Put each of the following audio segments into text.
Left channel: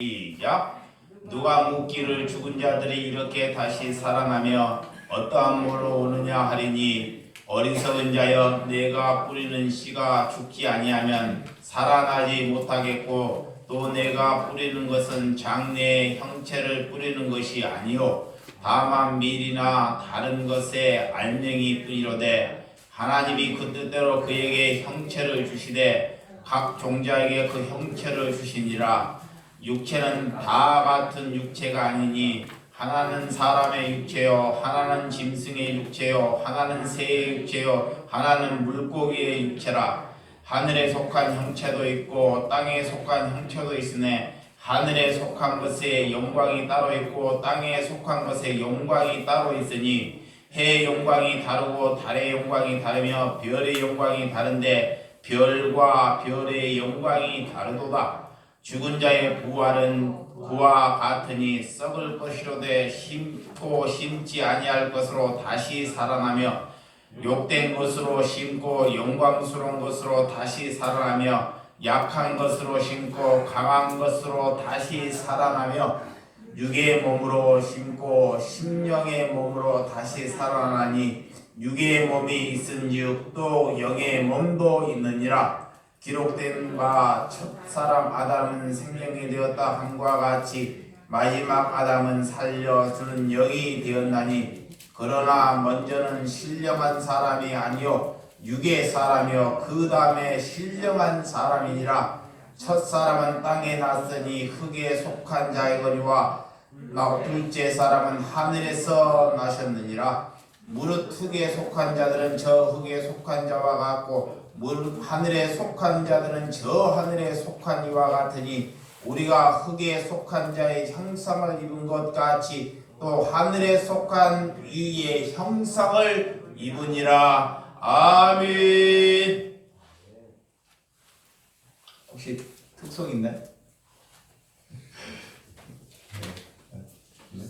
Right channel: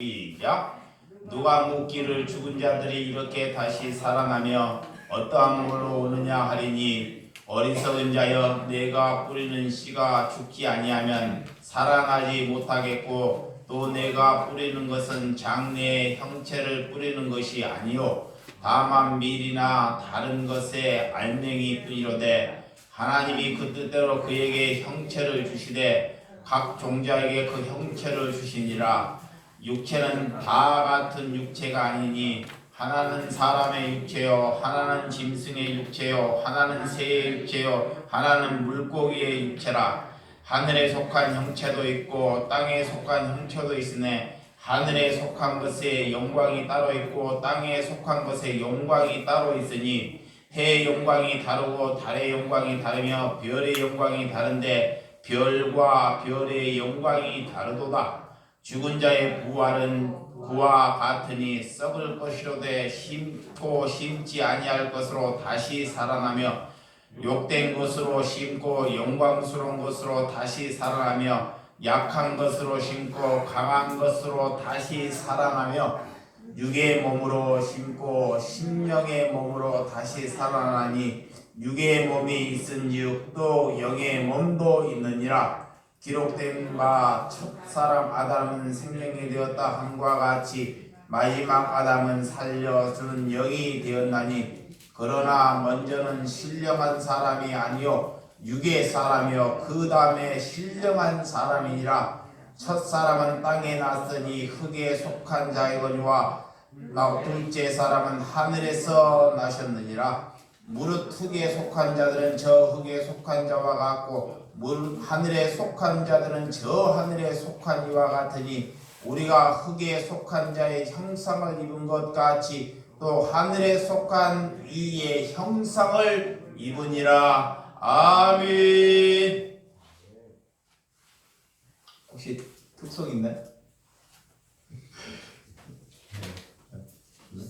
시작. 누가 묻기를 죽은 자들이 이렇게 다시 살아나며 어떠한 몸으로 오느냐 하리니 어리석은 자여 내가 뿌리는 씨가 죽지 아니하면 살아나지 못하겠고 또 내가 뿌리는 것은 장래의 형체를 뿌리는 것이 아니요 다만 밀이나 다른 것의 알맹이 뿐이로되 하나님이 그 뜻대로 그에게 형체를 주시되 각 종자에게 그 형체를 주시니라. 육체는 다 같은 육체가 아니니 하나는 사람의 육체요 하나는 짐승의 육체요 하나는 새의 육체요 하나는 물고기의 육체라. 하늘에 속한 형체도 있고 땅에 속한 형체도 있으네 하늘에 속한 것의 영광이 따로 있고 땅에 속한 것의 영광이 따로 있으니 해의 영광이 다르고 달의 영광이 다르며 별의 영광이 다른데 별과 별의 영광이 다르도다. 죽은 자의 부활은 그와 같으니 썩을 것이로되 심고 심지 아니할 것으로 다시 살아나며 욕된 것으로 심고 영광스러운 것으로 다시 살아나며 약한 것으로 심고 강한 것으로 다시 살아나며 육의 몸으로 심고 심령의 몸으로 다시 살아나니 육의 몸이 있은즉 또 영의 몸도 있느니라. 기록된 바 첫사람 아담은 생명이 되었다 함과 같이 마지막 아담은 살려주는 영이 되었나니 그러나 먼저는 신령한 사람이 아니요 육의 사람이요 그 다음에 신령한 사람이니라. 첫사람은 땅에 났으니 흙에 속한 자이거니와 둘째 사람은 하늘에서 나셨느니라. 무릇 흙에 속한 자들은 저 흙에 속한 자와 같고 하늘에 속한 자들은 저 하늘에 속한 이와 같으니 우리가 흙에 속한 자의 형상을 입은 것 같이 또 하늘에 속한 이의 형상을 입으니라. 아멘. 혹시 특성 있나요? 네.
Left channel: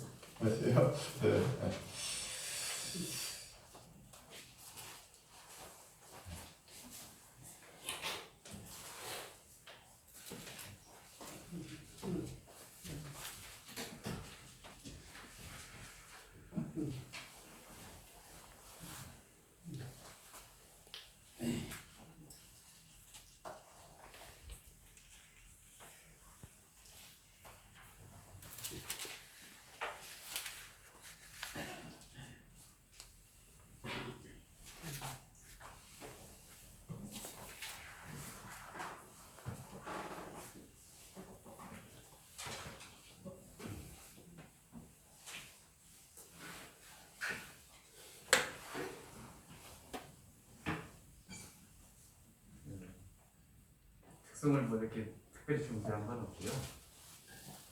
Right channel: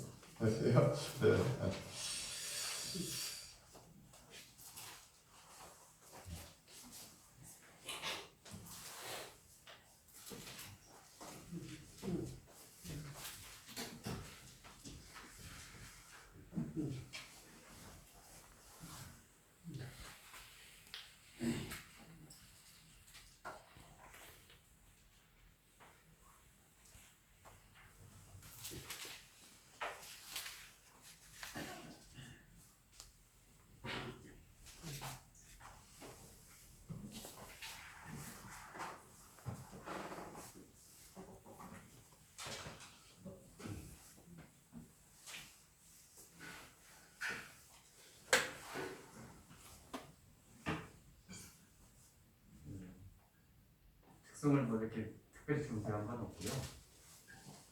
특성을 뭐 이렇게 특별히 중시한 건 없고요.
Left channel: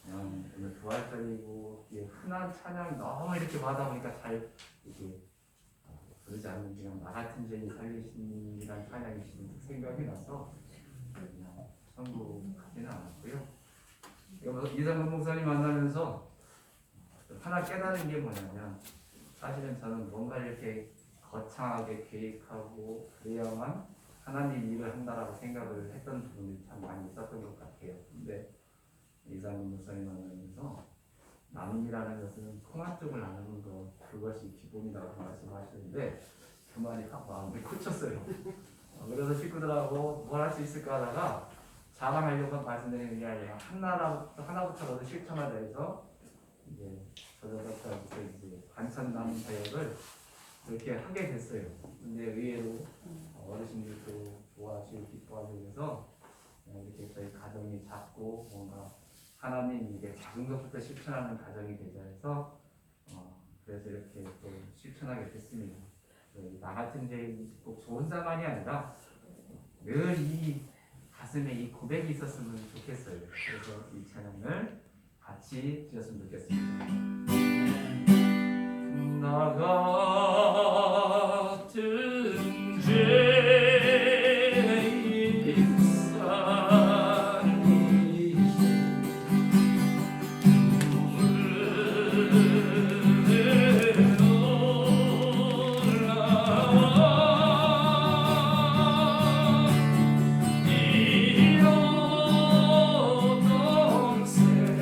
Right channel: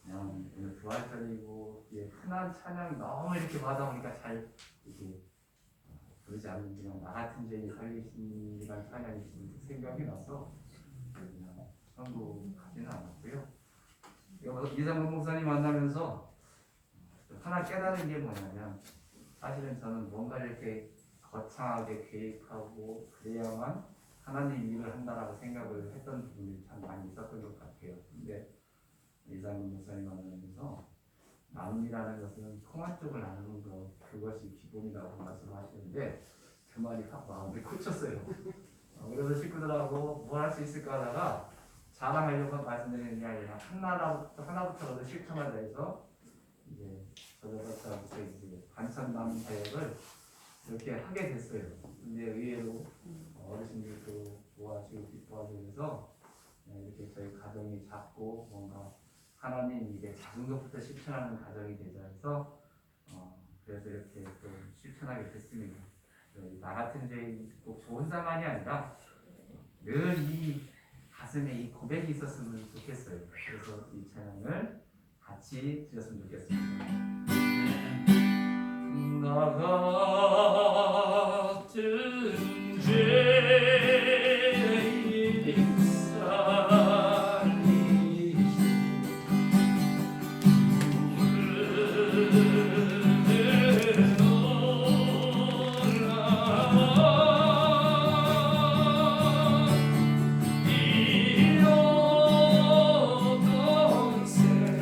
그냥 오늘 부활절이고 흔한 찬양 너무 이렇게 받아 보니까 잘 이게 부르지 않는 그냥 나 같은 죄인 살리신이라는 찬양이 생각이 나서 그냥 선곡하지는 않았고요. 이상문 목사님 만나면서 하나 깨달은 게 뭐냐면 사실은 저는 뭔가 이렇게 거창하게 계획하고 그래야만 하나님 일을 한다라고 생각을 했던 부분이 참 많이 있었던 것 같아요. 근데 이상문 목사님 만나면서 나눔이라는 것은 통한 쪽을 나누는 것 그것이 기본이라고 말씀하시는데 그 말이 확 마음을 꽂혔어요. 그래서 식구들하고 뭘 할 수 있을까 하다가 자랑하려고 말씀드리는 게 아니라 하나부터라도 실천하자 해서 이제 저저저부터 이제 반찬 나눔 사역을 이렇게 하게 됐어요. 근데 의외로 어르신들도 좋아하시고 기뻐하시고 그래서 이렇게 저희 가정이 작고 뭔가 하나님 이게 작은 것부터 실천하는 가정이 되자 해서 그래서 이렇게 또 실천하게 됐습니다. 나 같은 죄인 꼭 좋은 상황이 아니라 늘 이 가슴에 이 고백이 있었으면 좋겠어요. 그래서 이 찬양을 같이 드렸으면 좋겠습니다. 나 같은 죄인 살리신 이로던 새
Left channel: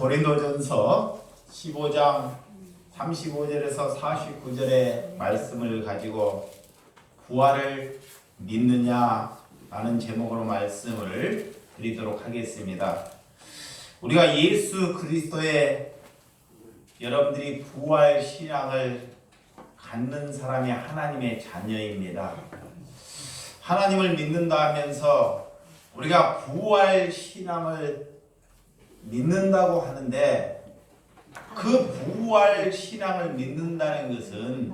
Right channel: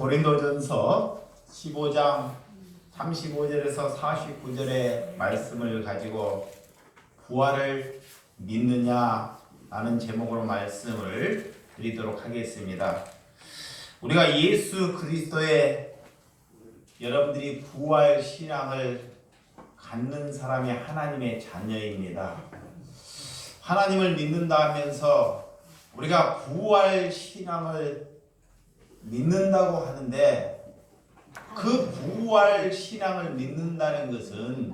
오늘 고린도전서 15장 35절에서 49절의 말씀을 가지고 부활을 믿느냐라는 제목으로 말씀을 드리도록 하겠습니다. 우리가 예수 그리스도의 여러분들이 부활 신앙을 갖는 사람이 하나님의 자녀입니다. 하나님을 믿는다 하면서 우리가 부활 신앙을 믿는다고 하는데 그 부활 신앙을 믿는다는 것은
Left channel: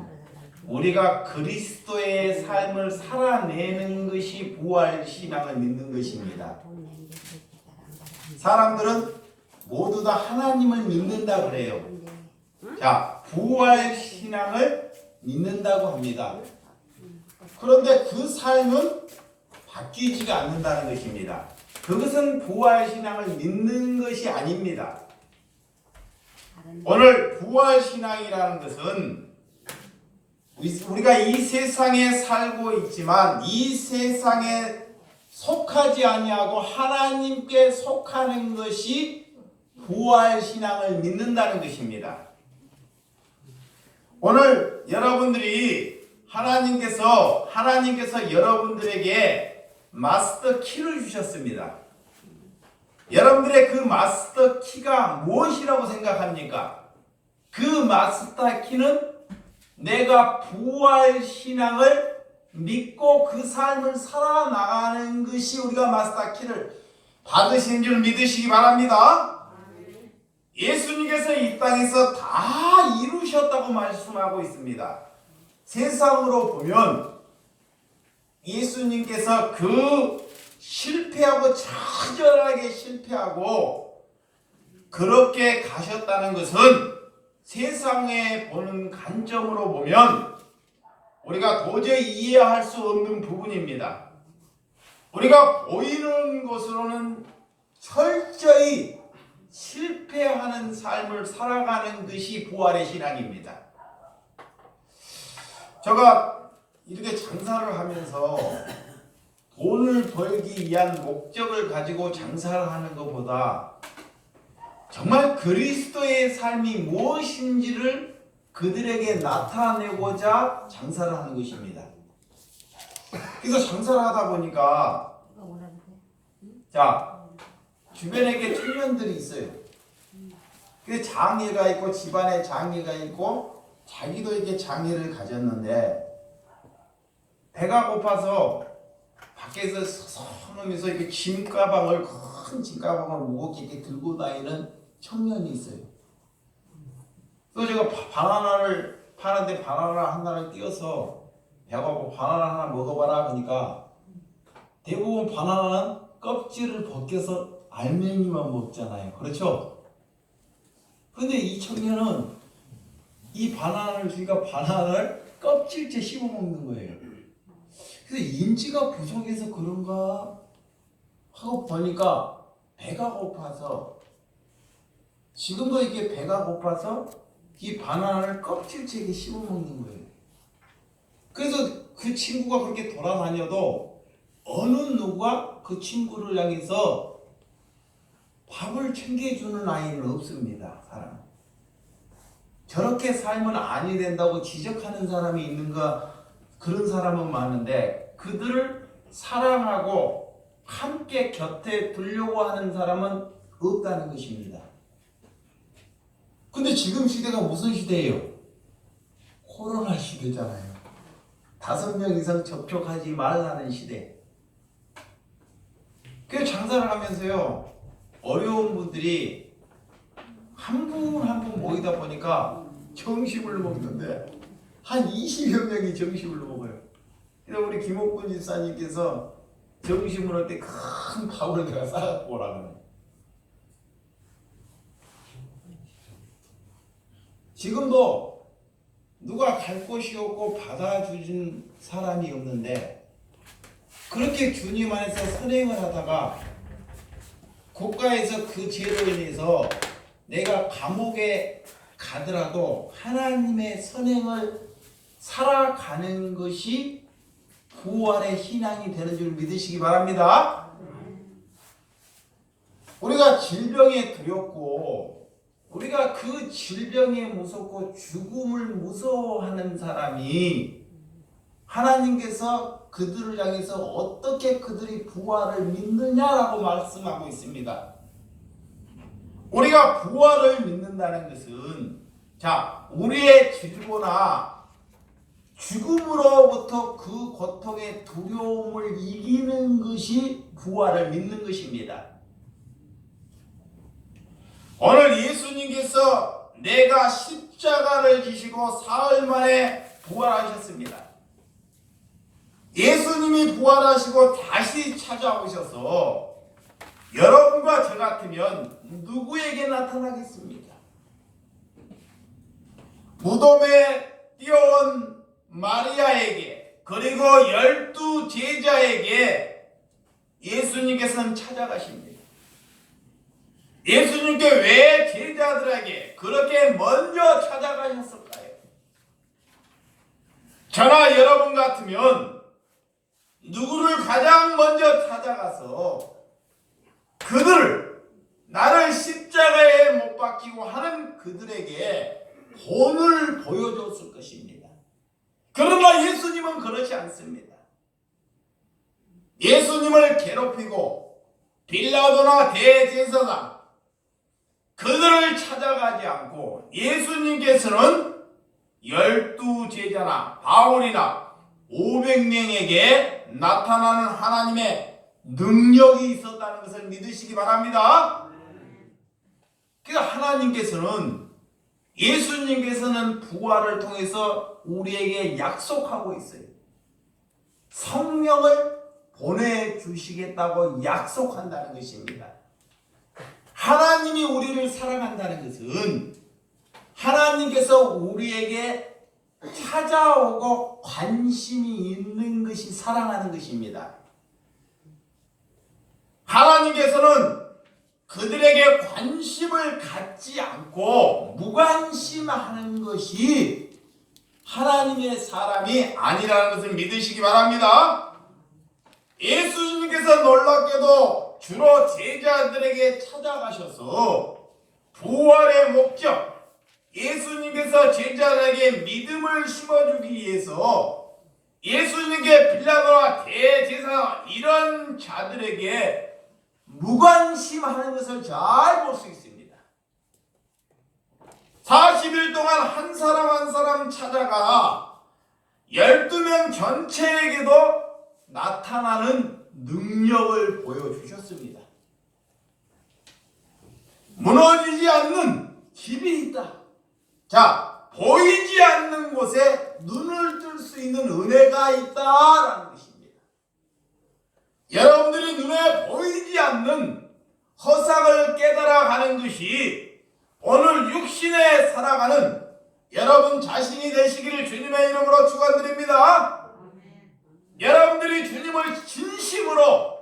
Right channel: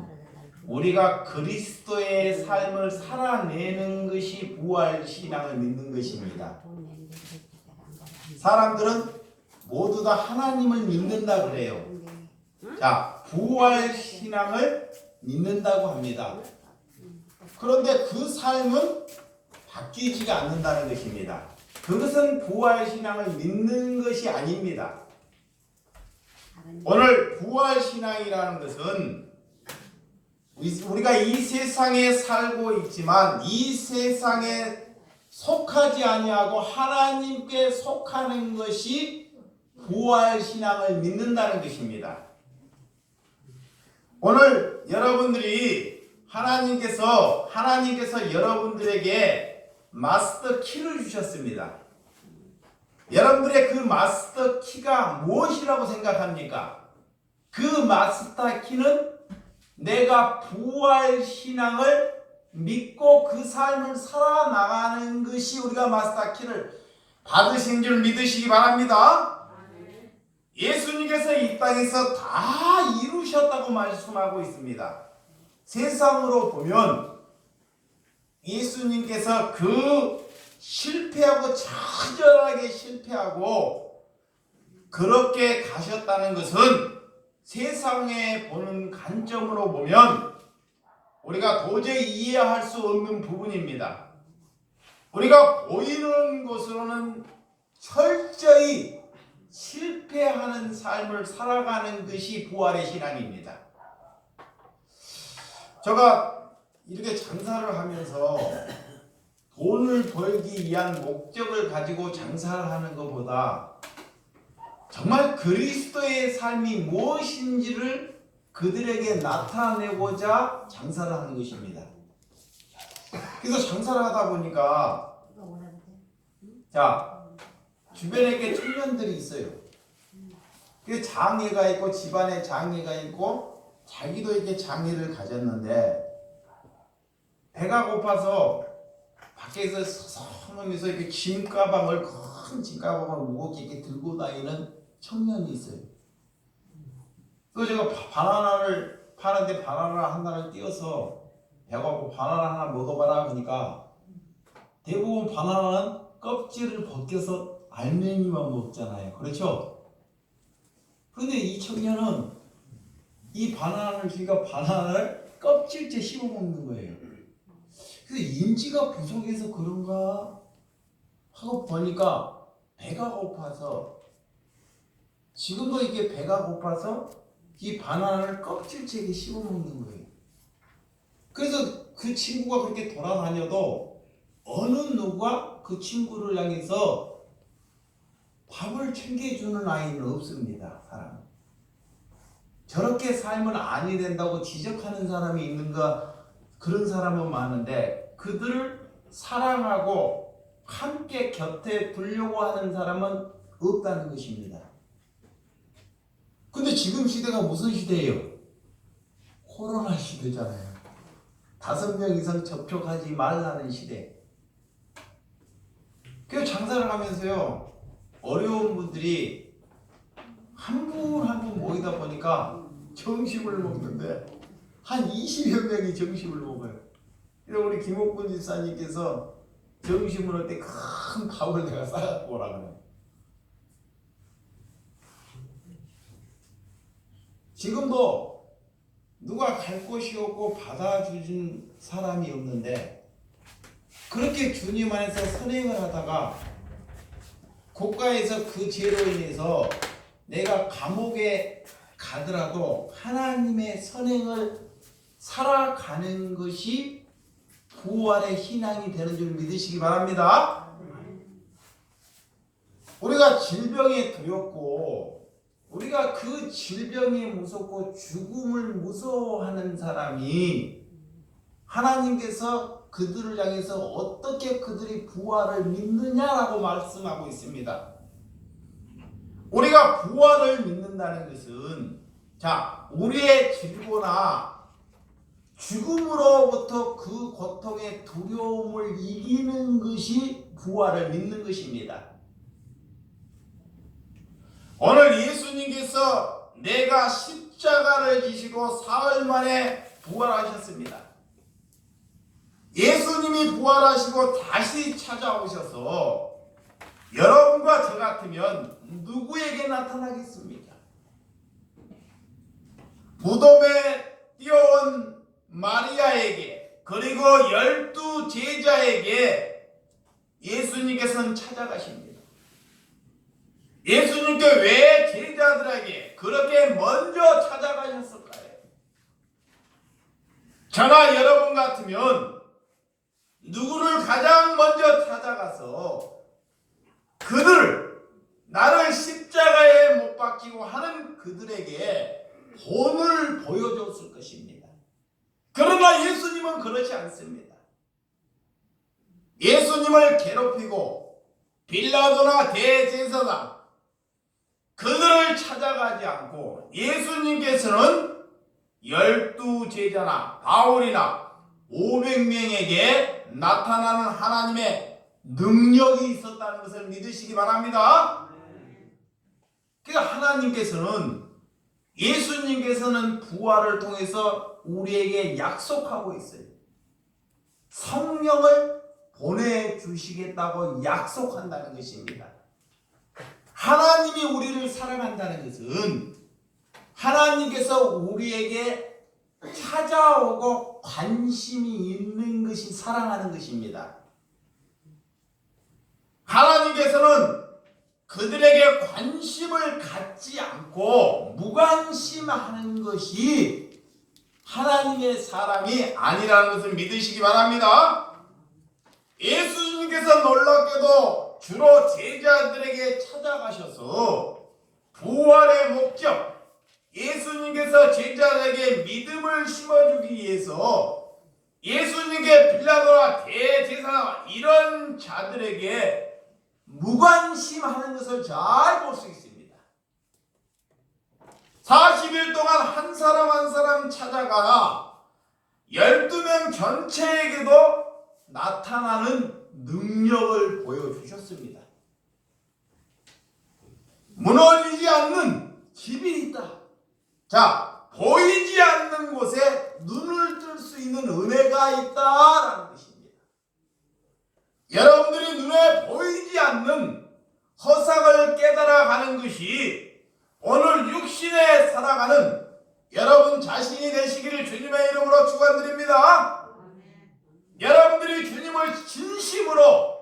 우리가 그리스도의 삶을 살아내는 것이 부활 신앙을 믿는 것입니다. 사람들은 모두 다 하나님을 믿는다고 그래요. 자, 부활 신앙을 믿는다고 합니다. 그런데 그 삶은 바뀌지가 않는다는 것입니다. 그것은 부활 신앙을 믿는 것이 아닙니다. 오늘 부활 신앙이라는 것은 우리가 이 세상에 살고 있지만 이 세상에 속하지 아니하고 하나님께 속하는 것이 부활 신앙을 믿는다는 것입니다. 오늘 여러분들이 하나님께서 여러분들에게 마스터 키를 주셨습니다. 여러분들의 그 마스터 키가 무엇이라고 생각합니까? 그 마스터 키는 내가 부활 신앙을 믿고 그 삶을 살아나가는 것이 우리가 마스터 키를 받으신 줄 믿으시기 바랍니다. 예수님께서 이 땅에서 다 이루셨다고 말씀하고 있습니다. 세상으로 보면 예수님께서 그 실패하고 처절하게 실패하고 그렇게 가셨다는 것은 세상에 보는 관점으로 보면 우리가 도저히 이해할 수 없는 부분입니다. 우리가 보이는 것으로는 철저히 실패하는 삶을 살아가는 것이 부활의 신앙입니다. 제가 이렇게 장사를 하면서 돈을 벌기 위한 목적을 가지고 장사를 하는 것보다 정말 그리스도의 삶이 무엇인지를 그들에게 나타내고자 장사를 하는 것입니다. 그래서 장사를 하다 보니까 자, 주변에 이렇게 청년들이 있어요. 그 장애가 있고 집안에 장애가 있고 자기도 이렇게 장애를 가졌는데 배가 고파서 밖에서 서성하면서 이렇게 짐가방을 큰 짐가방을 무겁게 이렇게 들고 다니는 청년이 있어요. 또 제가 바나나를 파는데 바나나 하나를 띄어서 배가 고파 바나나 하나 먹어봐라 하니까 대부분 바나나는 껍질을 벗겨서 알맹이만 먹잖아요. 그렇죠? 근데 이 청년은 이 바나나를 주니까 바나나를 껍질째 씹어 먹는 거예요. 그래서 인지가 부족해서 그런가 하고 보니까 배가 고파서 지금도 이게 배가 고파서 이 바나나를 껍질째 씹어 먹는 거예요. 그래서 그 친구가 그렇게 돌아다녀도 어느 누가 그 친구를 향해서 밥을 챙겨주는 아이는 없습니다. 사람. 저렇게 살면 아니 된다고 지적하는 사람이 있는가? 그런 사람은 많은데 그들을 사랑하고 함께 곁에 두려고 하는 사람은 없다는 것입니다. 근데 지금 시대가 무슨 시대예요? 코로나 시대잖아요. 5명 이상 접촉하지 말라는 시대. 그래서 장사를 하면서요, 어려운 분들이 한 분 한 분 모이다 보니까 점심을 먹는데 한 20여 명이 점심을 먹어요. 그래서 우리 김옥군 집사님께서 점심을 할 때 큰 밥을 내가 싸갖고 오라고. 지금도 누가 갈 곳이 없고 받아주는 사람이 없는데 그렇게 주님 안에서 선행을 하다가 국가에서 그 죄로 인해서 내가 감옥에 가더라도 하나님의 선행을 살아가는 것이 부활의 신앙이 되는 줄 믿으시기 바랍니다. 우리가 질병에 두렵고 우리가 그 질병에 무섭고 죽음을 무서워하는 사람이 하나님께서 그들을 향해서 어떻게 그들이 부활을 믿느냐라고 말씀하고 있습니다. 우리가 부활을 믿는다는 것은 우리의 질고나 죽음으로부터 그 고통의 두려움을 이기는 것이 부활을 믿는 것입니다. 오늘 예수님께서 내가 십자가를 지시고 사흘 만에 부활하셨습니다. 예수님이 부활하시고 다시 찾아오셔서 여러분과 저 같으면 누구에게 나타나겠습니까? 무덤에 뛰어온 마리아에게 그리고 12 제자에게 예수님께서는 찾아가십니다. 예수님께 왜 제자들에게 그렇게 먼저 찾아가셨을까요? 저나 여러분 같으면 누구를 가장 먼저 찾아가서 그들을 나를 십자가에 못 박히고 하는 그들에게 본을 보여줬을 것입니다. 그러나 예수님은 그렇지 않습니다. 예수님을 괴롭히고 빌라도나 대제사장 그들을 찾아가지 않고 예수님께서는 12 제자나 바울이나 500명에게 나타나는 하나님의 능력이 있었다는 것을 믿으시기 바랍니다. 그러니까 하나님께서는 예수님께서는 부활을 통해서 우리에게 약속하고 있어요. 성령을 보내주시겠다고 약속한다는 것입니다. 하나님이 우리를 사랑한다는 것은 하나님께서 우리에게 찾아오고 관심이 있는 것이 사랑하는 것입니다. 하나님께서는 그들에게 관심을 갖지 않고 무관심하는 것이 하나님의 사람이 아니라는 것을 믿으시기 바랍니다. 예수님께서 놀랍게도 주로 제자들에게 찾아가셔서 부활의 목적, 예수님께서 제자들에게 믿음을 심어주기 위해서 예수님께 빌라도나 대제사 이런 자들에게 무관심하는 것을 잘 볼 수 있습니다. 40일 동안 한 사람 한 사람 찾아가 12명 전체에게도 나타나는 능력을 보여주셨습니다. 무너지지 않는 집이 있다. 보이지 않는 곳에 눈을 뜰 수 있는 은혜가 있다라는 것입니다. 여러분들이 눈에 보이지 않는 허상을 깨달아가는 것이 오늘 육신에 살아가는 여러분 자신이 되시기를 주님의 이름으로 축원드립니다. 여러분들이 주님을 진심으로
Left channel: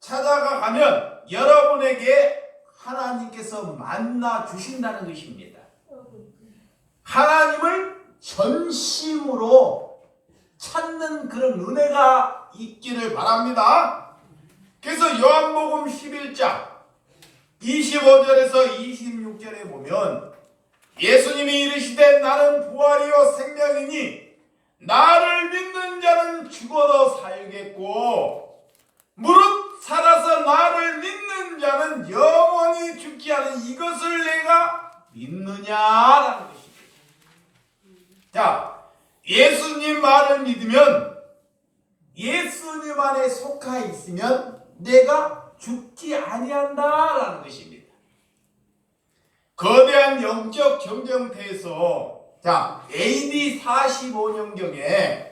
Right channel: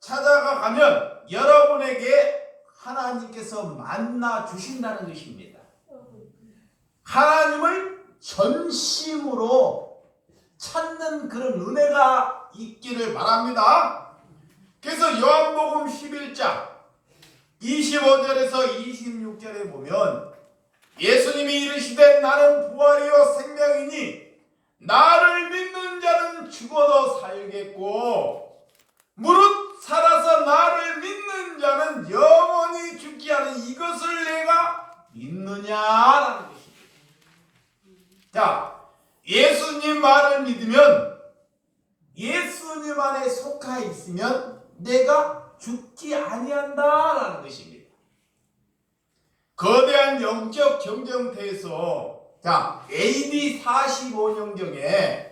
찾아가면 여러분에게 하나님께서 만나 주신다는 것입니다. 하나님을 전심으로 찾는 그런 은혜가 있기를 바랍니다. 그래서 요한복음 11장 25절에서 26절에 보면 예수님이 이르시되 나는 부활이요 생명이니 나를 믿는 자는 죽어도 살겠고 무릇 살아서 나를 믿는 자는 영원히 죽지 않은 이것을 내가 믿느냐라는 것입니다. 예수님 말을 믿으면 예수님 안에 속하 있으면 내가 죽지 아니한다라는 것입니다. 거대한 영적 경쟁터에서 AD 45년경에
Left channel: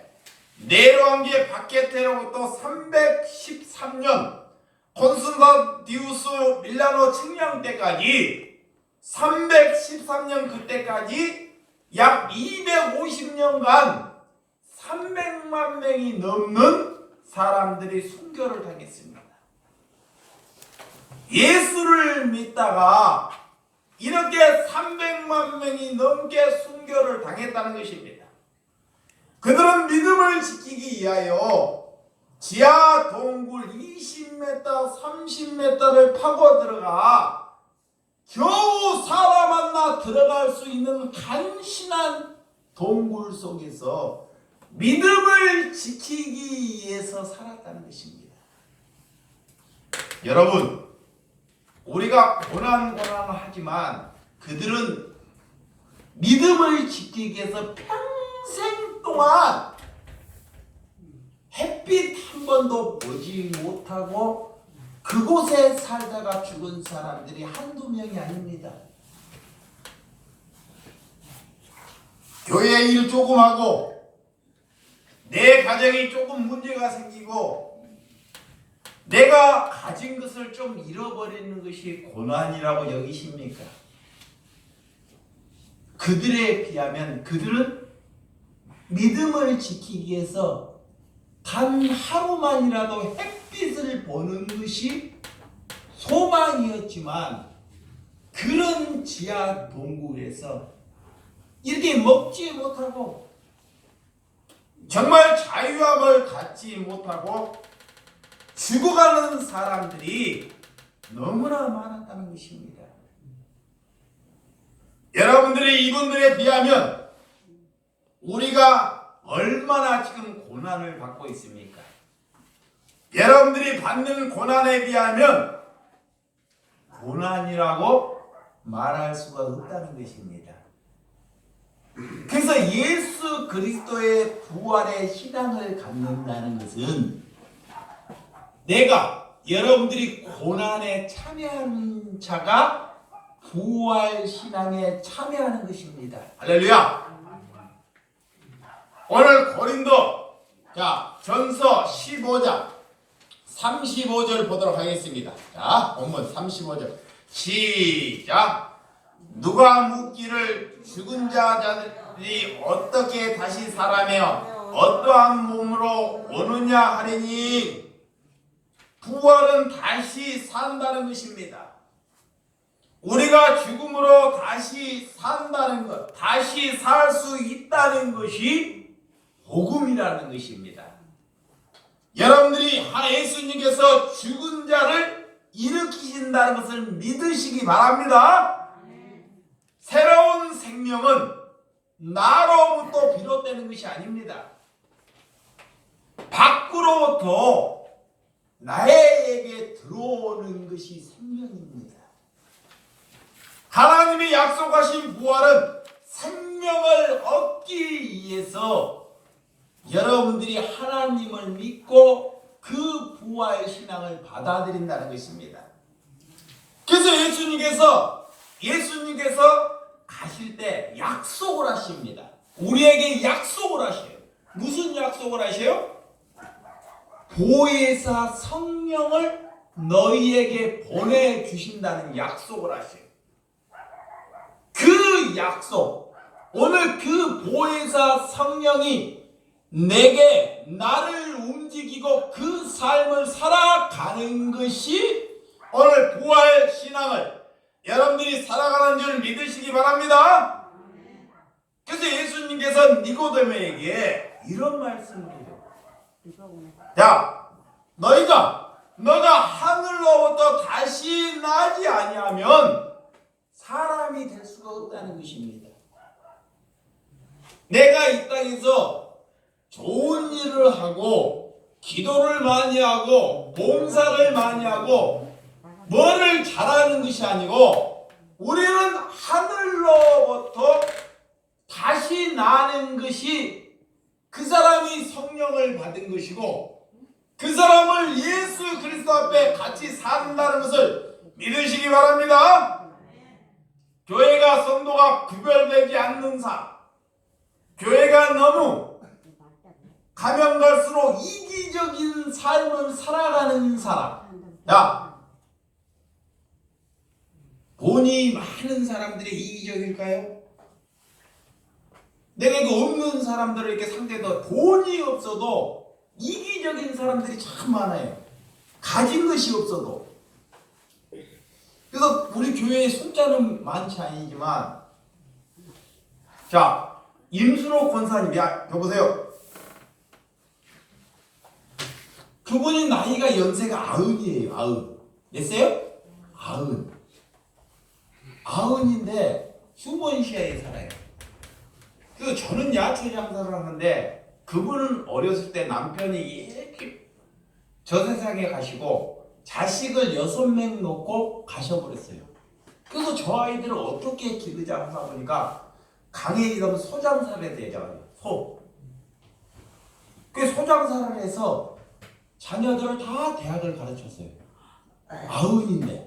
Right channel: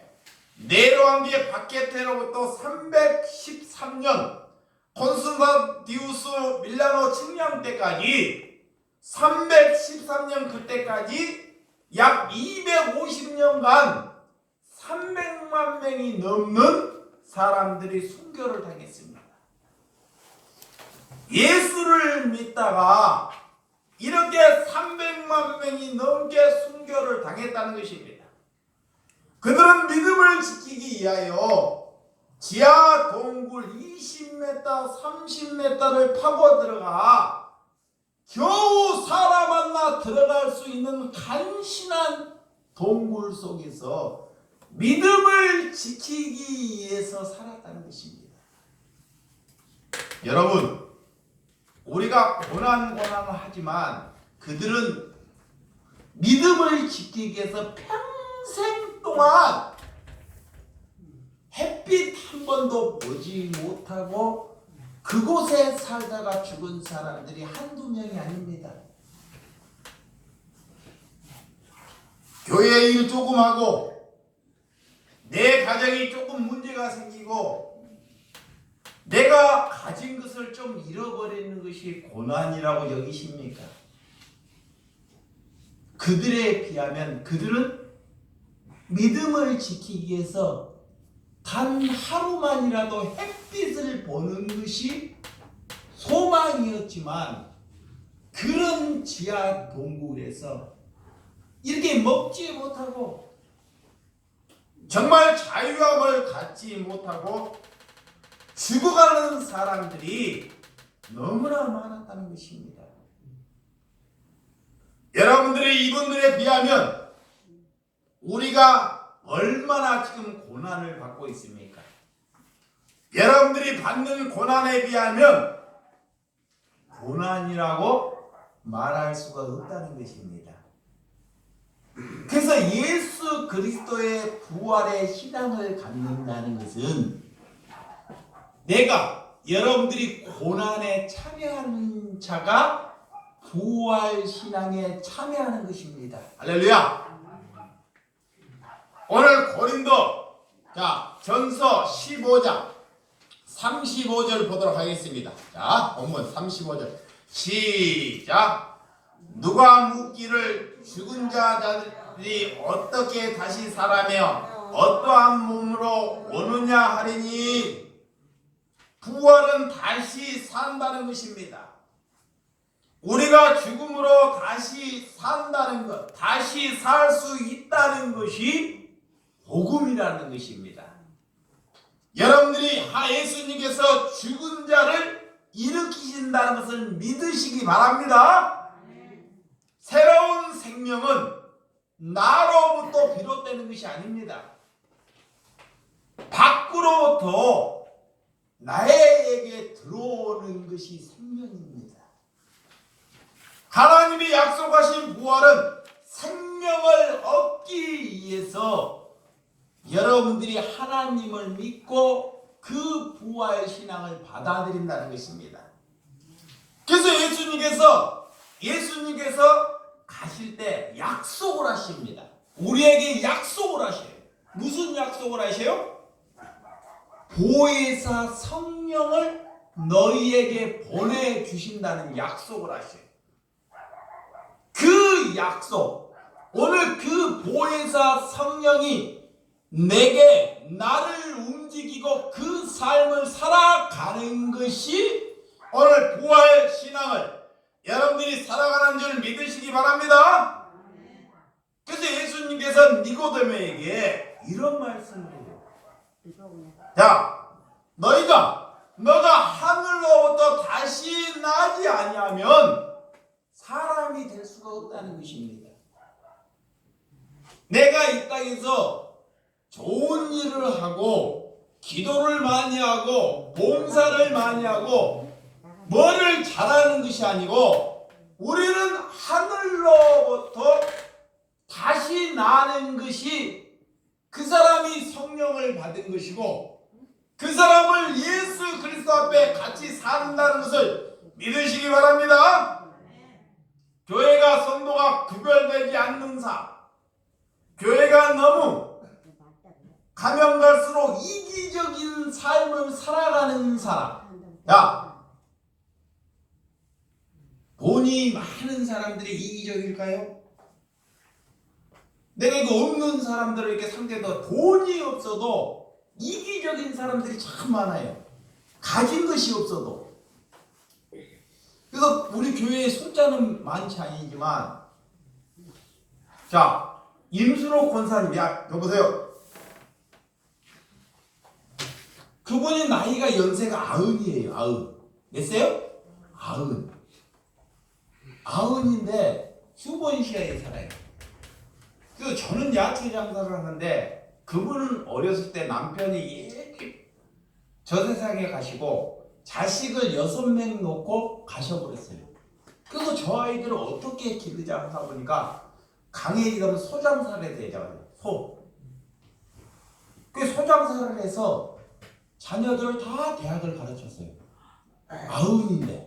네로왕기의 박해테로부터 313년 콘스탄티누스 밀라노 측량 때까지 313년 그때까지 약 250년간 300만 명이 넘는 사람들이 순교를 당했습니다. 예수를 믿다가 이렇게 300만 명이 넘게 순교를 당했다는 것입니다. 그들은 믿음을 지키기 위하여 지하 동굴 20m, 30m를 파고 들어가 겨우 사람 하나 들어갈 수 있는 간신한 동굴 속에서 믿음을 지키기 위해서 살았다는 것입니다. 여러분, 우리가 고난하지만 그들은 믿음을 지키기 위해서 평생 동안 햇빛 한 번도 보지 못하고 그곳에 살다가 죽은 사람들이 한두 명이 아닙니다. 교회 일 조금 하고 내 가정이 조금 문제가 생기고 내가 가진 것을 좀 잃어버리는 것이 고난이라고 여기십니까? 그들에 비하면 그들은 믿음을 지키기 위해서 단 하루만이라도 햇빛을 보는 것이 소망이었지만 그런 지하 동굴에서 이렇게 먹지 못하고 정말 자유함을 갖지 못하고 죽어가는 사람들이 너무나 많았다는 것입니다. 여러분들이 이분들에 비하면 우리가 얼마나 지금 고난을 받고 있습니까? 여러분들이 받는 고난에 비하면 고난이라고 말할 수가 없다는 것입니다. 그래서 예수 그리스도의 부활의 신앙을 갖는다는 것은 내가 여러분들이 고난에 참여하는 자가 부활 신앙에 참여하는 것입니다. 할렐루야. 오늘 고린도 전서 15장 35절 보도록 하겠습니다. 자, 본문 35절 시작. 누가 묻기를 죽은 자들이 어떻게 다시 살아며 어떠한 몸으로 오느냐 하리니 부활은 다시 산다는 것입니다. 우리가 죽음으로 다시 산다는 것, 다시 살 수 있다는 것이 복음이라는 것입니다. 여러분들이 예수님께서 죽은 자를 일으키신다는 것을 믿으시기 바랍니다. 새로운 생명은 나로부터 비롯되는 것이 아닙니다. 밖으로부터 나에게 들어오는 것이 생명입니다. 하나님이 약속하신 부활은 생명을 얻기 위해서 여러분들이 하나님을 믿고 그 부활 신앙을 받아들인다는 것입니다. 그래서 예수님께서 가실 때 약속을 하십니다. 우리에게 약속을 하셔요. 무슨 약속을 하셔요? 보혜사 성령을 너희에게 보내주신다는 약속을 하셔요. 그 약속, 오늘 그 보혜사 성령이 나를 움직이고 그 삶을 살아가는 것이 오늘 부활 신앙을 여러분들이 살아가는 줄 믿으시기 바랍니다. 그래서 예수님께서 니고데모에게 이런 말씀을 해요. 야, 너가 하늘로부터 다시 나지 아니하면 사람이 될 수가 없다는 것입니다. 내가 이 땅에서 좋은 일을 하고 기도를 많이 하고 봉사를 많이 하고 뭐를 잘하는 것이 아니고 우리는 하늘로부터 다시 나는 것이 그 사람이 성령을 받은 것이고 그 사람을 예수 그리스도 앞에 같이 산다는 것을 믿으시기 바랍니다. 교회가 성도가 구별되지 않는 삶, 교회가 너무 가면 갈수록 이기적인 삶을 살아가는 사람. 야, 돈이 많은 사람들이 이기적일까요? 내가 이거 없는 사람들을 이렇게 상대도 돈이 없어도 이기적인 사람들이 참 많아요. 가진 것이 없어도. 그래서 우리 교회에 숫자는 많지 아니지만, 자, 임순옥 권사님, 여보세요. 그분이 나이가 연세가 90이에요. 90. 몇세요? 90. 아흔인데 휴먼시아에 살아요. 그 저는 야채 장사를 하는데 그분은 어렸을 때 남편이 이렇게 저 세상에 가시고 자식을 6명 놓고 가셔버렸어요. 그래서 저 아이들을 어떻게 기르자 하다 보니까 강에 가면 소장사를 해야 되잖아요. 그 소장사를 해서 자녀들을 다 대학을 가르쳤어요. 아흔인데.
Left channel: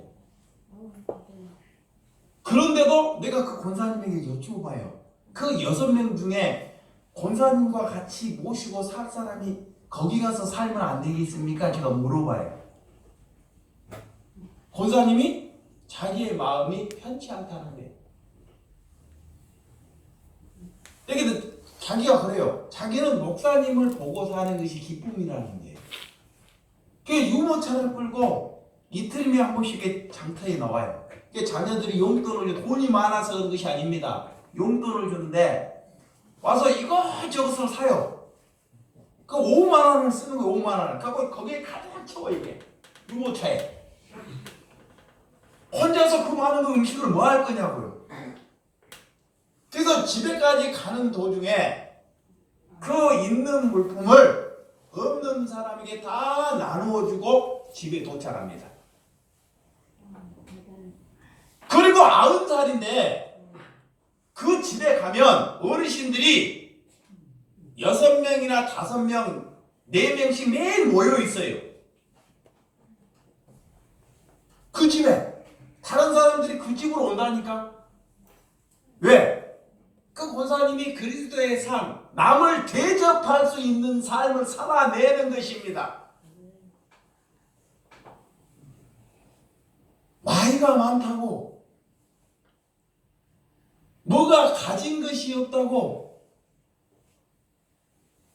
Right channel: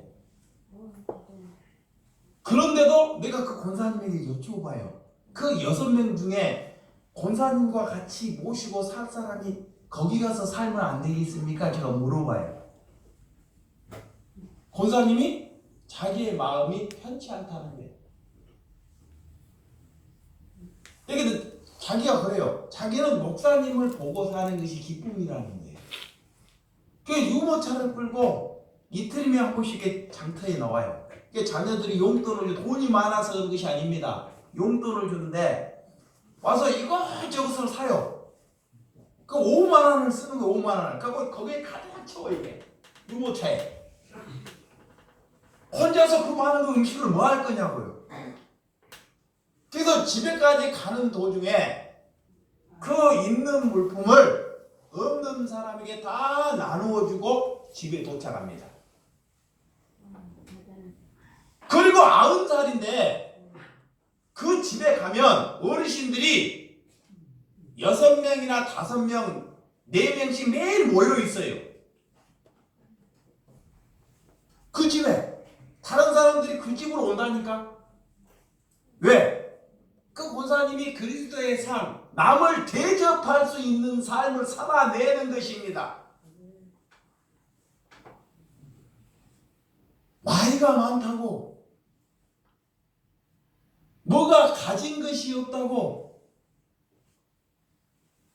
그런데도 내가 그 권사님에게 여쭤봐요. 그 6명 중에 권사님과 같이 모시고 살 사람이 거기 가서 살면 안 되겠습니까? 제가 물어봐요. 권사님이 자기의 마음이 편치 않다는 거예요. 그러니까 자기가 그래요. 자기는 목사님을 보고 사는 것이 기쁨이라는 거예요. 그 유모차를 끌고 이틀이면 한 번씩 장터에 나와요. 자녀들이 용돈을, 돈이 많아서 그런 것이 아닙니다. 용돈을 주는데 와서 이것저것을 사요. 그 5만 원을 쓰는 거예요. 5만 원을. 그리고 거기에 가득 채워 이게 유모차에. 혼자서 그 많은 음식을 뭐 할 거냐고요. 그래서 집에까지 가는 도중에 그 있는 물품을 없는 사람에게 다 나누어주고 집에 도착합니다. 그리고 90살인데 그 집에 가면 어르신들이 6명이나 5명, 4명씩 매일 모여 있어요. 그 집에 다른 사람들이 그 집으로 온다니까. 왜? 그 권사님이 그리스도의 삶, 남을 대접할 수 있는 삶을 살아내는 것입니다. 나이가 많다고, 뭐가 가진 것이 없다고,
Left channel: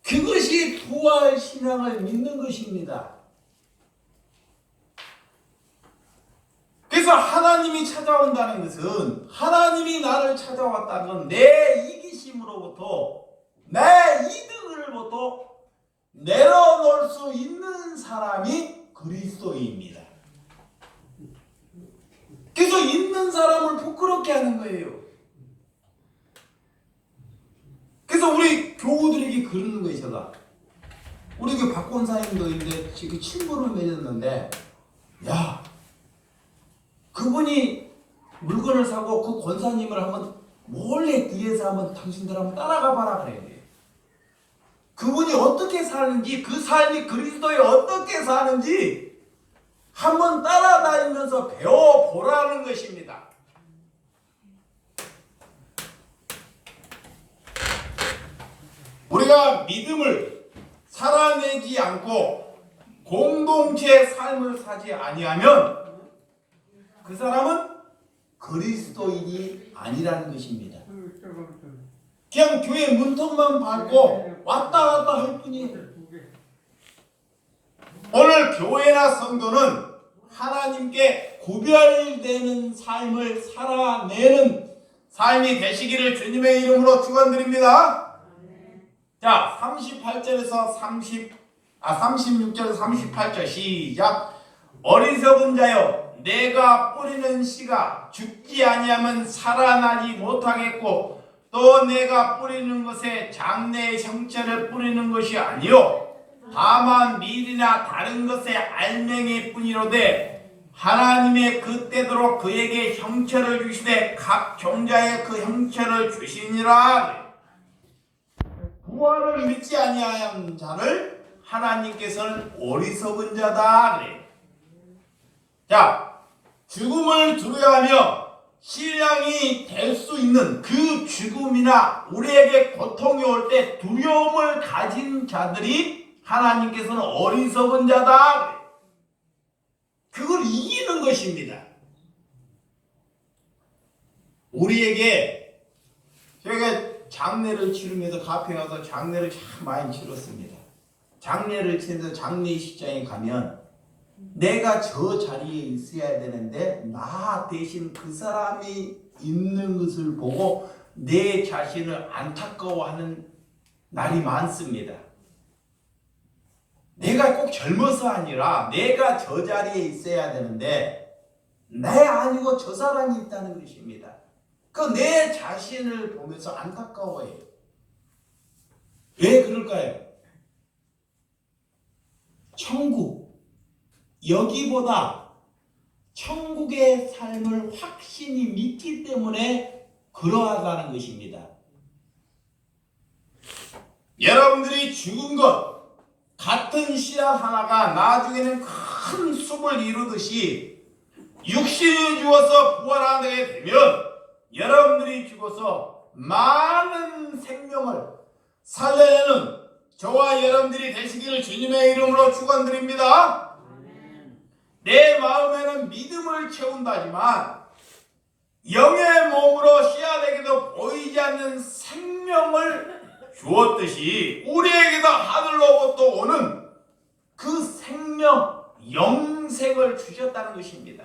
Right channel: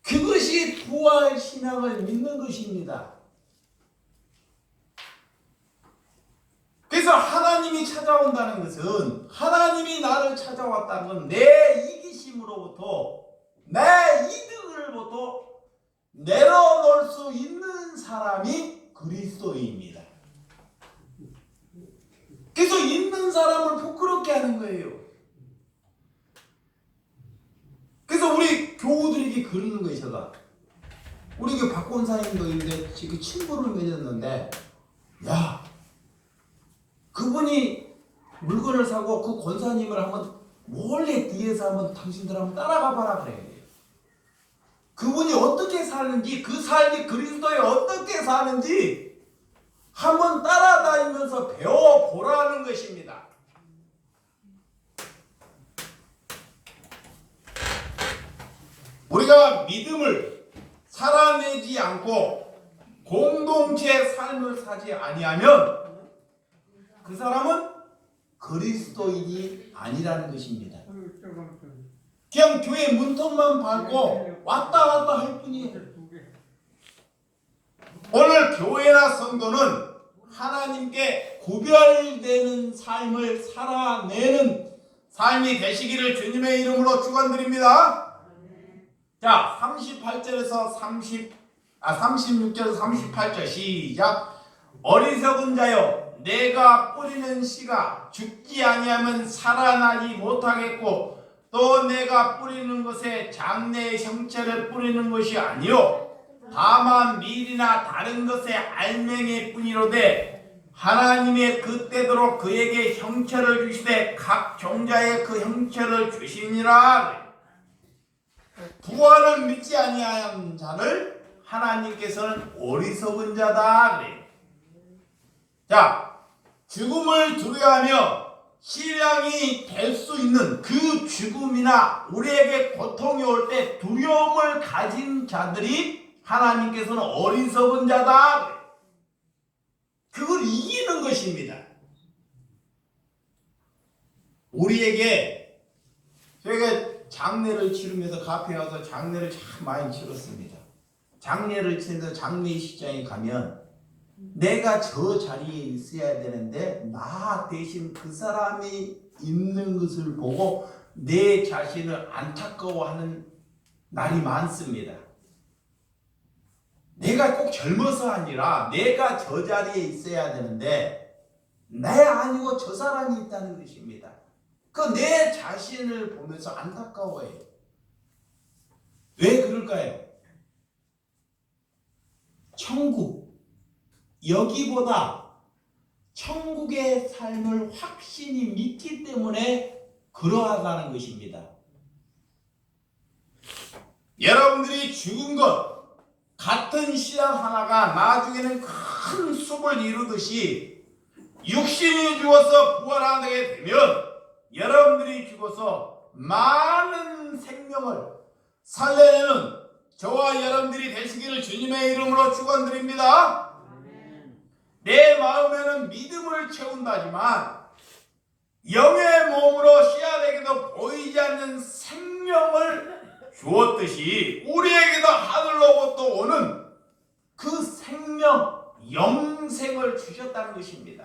그것이 부활 신앙을 믿는 것입니다. 그래서 하나님이 찾아온다는 것은, 하나님이 나를 찾아왔다는 건 내 이기심으로부터, 내 이득으로부터 내려놓을 수 있는 사람이 그리스도입니다. 그래서 있는 사람을 부끄럽게 하는 거예요. 그래서 우리 교우들에게 그러는 것이다. 우리 그 박권사님도 있는데 지금 친구를 맺었는데, 야, 그분이 물건을 사고 그 권사님을 한번 몰래 뒤에서 한번 당신들 한번 따라가 봐라 그래요. 그분이 어떻게 사는지, 그 삶이 그리스도에 어떻게 사는지 한번 따라다니면서 배워보라는 것입니다. 우리가 믿음을 살아내지 않고 공동체 삶을 사지 아니하면 그 사람은 그리스도인이 아니라는 것입니다. 그냥 교회 문턱만 밟고 왔다 갔다 할 뿐이에요. 오늘 교회나 성도는 하나님께 구별되는 삶을 살아내는 삶이 되시기를 주님의 이름으로 축원드립니다. 자, 38절에서 36절에서 38절 시작. 어리석은 자여, 내가 뿌리는 씨가 죽지 아니하면 살아나지 못하겠고, 또 내가 뿌리는 것에 장래의 형체를 뿌리는 것이 아니요 다만 밀이나 다른 것의 알맹이 뿐이로되, 하나님의 그때도록 그에게 형체를 주시되 각 종자의 그 형체를 주시니라. 부활을 믿지 아니한 자를 하나님께서는 어리석은 자다 그래. 자, 죽음을 두려워하며 신앙이 될 수 있는 그 죽음이나 우리에게 고통이 올 때 두려움을 가진 자들이 하나님께서는 어리석은 자다. 그걸 이기는 것입니다. 우리에게, 저희가 장례를 치르면서 카페에 와서 장례를 참 많이 치렀습니다. 장례를 치면서 장례식장에 가면 내가 저 자리에 있어야 되는데 나 대신 그 사람이 있는 것을 보고 내 자신을 안타까워하는 날이 많습니다. 내가 꼭 젊어서 아니라 내가 저 자리에 있어야 되는데 내 아니고 저 사람이 있다는 것입니다. 그 내 자신을 보면서 안타까워해요. 왜 그럴까요? 천국, 여기보다 천국의 삶을 확신이 믿기 때문에 그러하다는 것입니다. 여러분들이 죽은 것 같은 씨앗 하나가 나중에는 큰 숲을 이루듯이 육신이 죽어서 부활하게 되면 여러분들이 죽어서 많은 생명을 살려내는 저와 여러분들이 되시기를 주님의 이름으로 축원드립니다. 내 마음에는 믿음을 채운다지만 영의 몸으로 씨앗에게도 보이지 않는 생명을 주었듯이 우리에게도 하늘로부터 오는 그 생명, 영생을 주셨다는 것입니다.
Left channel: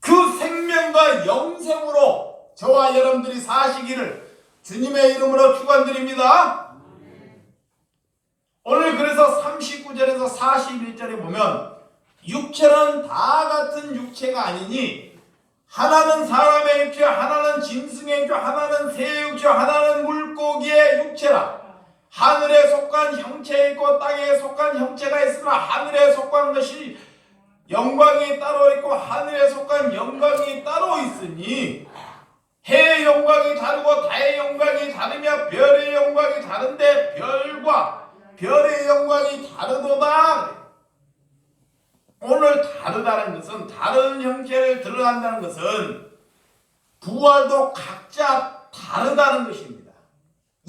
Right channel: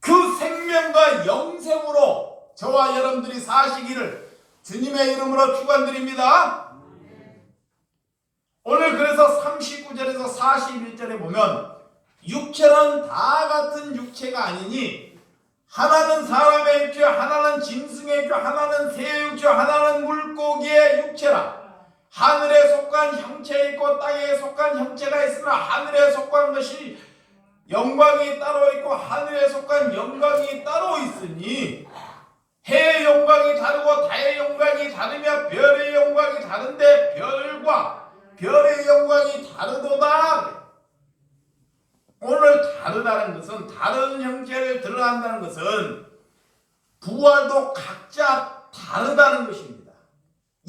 그 생명과 영생으로 저와 여러분들이 사시기를 주님의 이름으로 축원드립니다. 오늘 그래서 39절에서 41절에 보면 육체는 다 같은 육체가 아니니 하나는 사람의 육체, 하나는 짐승의 육체, 하나는 새의 육체, 하나는 물고기의 육체라. 하늘에 속한 형체에 있고 땅에 속한 형체가 있으나 하늘에 속한 것이 영광이 따로 있고 하늘에 속한 영광이 따로 있으니 해의 영광이 다르고 달의 영광이 다르며 별의 영광이 다른데 별과 별의 영광이 다르도다. 오늘 다르다는 것은 다른 형체를 드러난다는 것은 부활도 각자 다르다는 것입니다.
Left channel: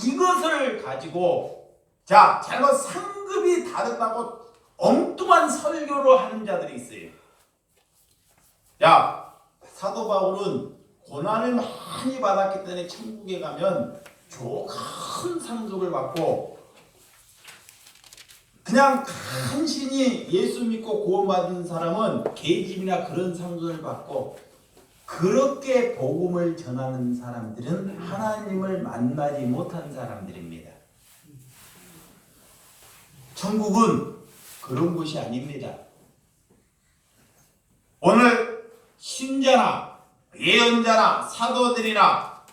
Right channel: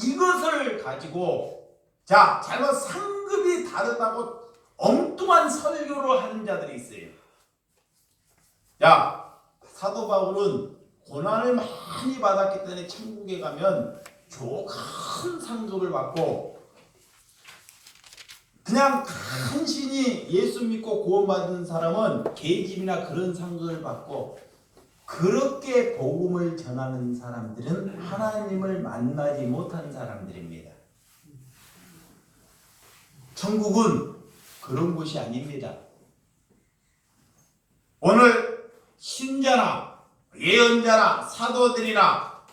이것을 가지고 잘못 상급이 다르다고 엉뚱한 설교를 하는 자들이 있어요. 사도 바울은 고난을 많이 받았기 때문에 천국에 가면 큰 상급을 받고 그냥 간신히 예수 믿고 구원받은 사람은 계집이나 그런 상급을 받고 그렇게 복음을 전하는 사람들은 하나님을 만나지 못한 사람들입니다. 천국은 그런 곳이 아닙니다. 오늘 신자나 예언자나 사도들이나